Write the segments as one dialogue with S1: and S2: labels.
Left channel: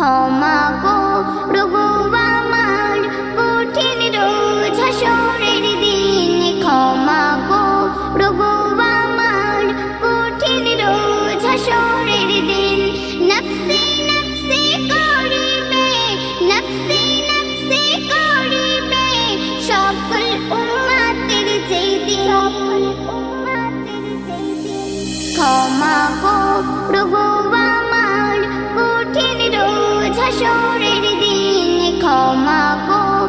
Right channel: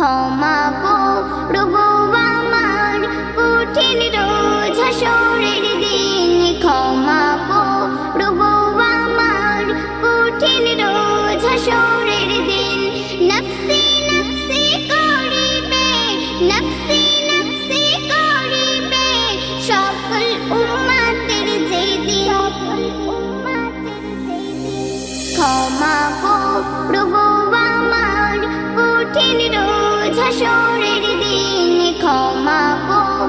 S1: ক্ষমা করব আমার কঠিন রোজ হাসরের দিন। ক্ষমা করব আমার কঠিন রোজ হাসরের দিন। নফসি নফসি করিবে, নফসি নফসি করিবে, সকল উম্মাতের যেই দিন। সকল উম্মাতের যেই দিন। ক্ষমা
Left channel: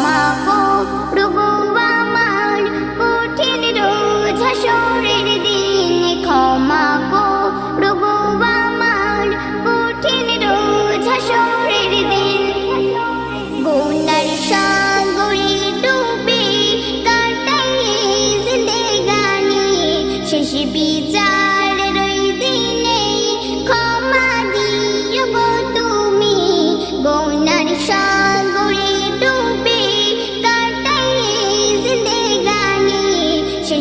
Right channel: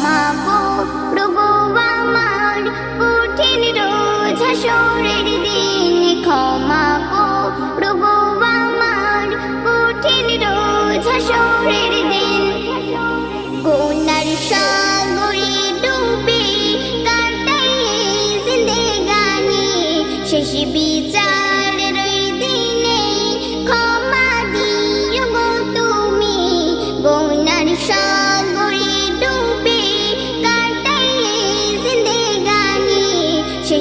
S1: ক্ষমা করব আমার কঠিন রোজ হাসরের দিন। ক্ষমা করব আমার কঠিন রোজ হাসরের দিন। গুনার সাগরে ডুবে কাটাই জিন্দেগানি শেষ বিচারের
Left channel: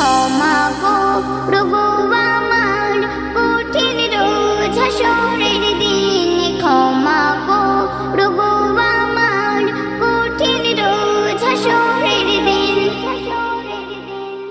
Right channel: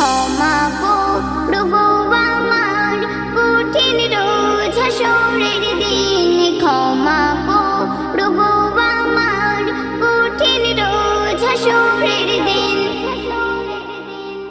S1: ক্ষমা করুগো আমার কঠিন রোজ হাসরের দিন। ক্ষমা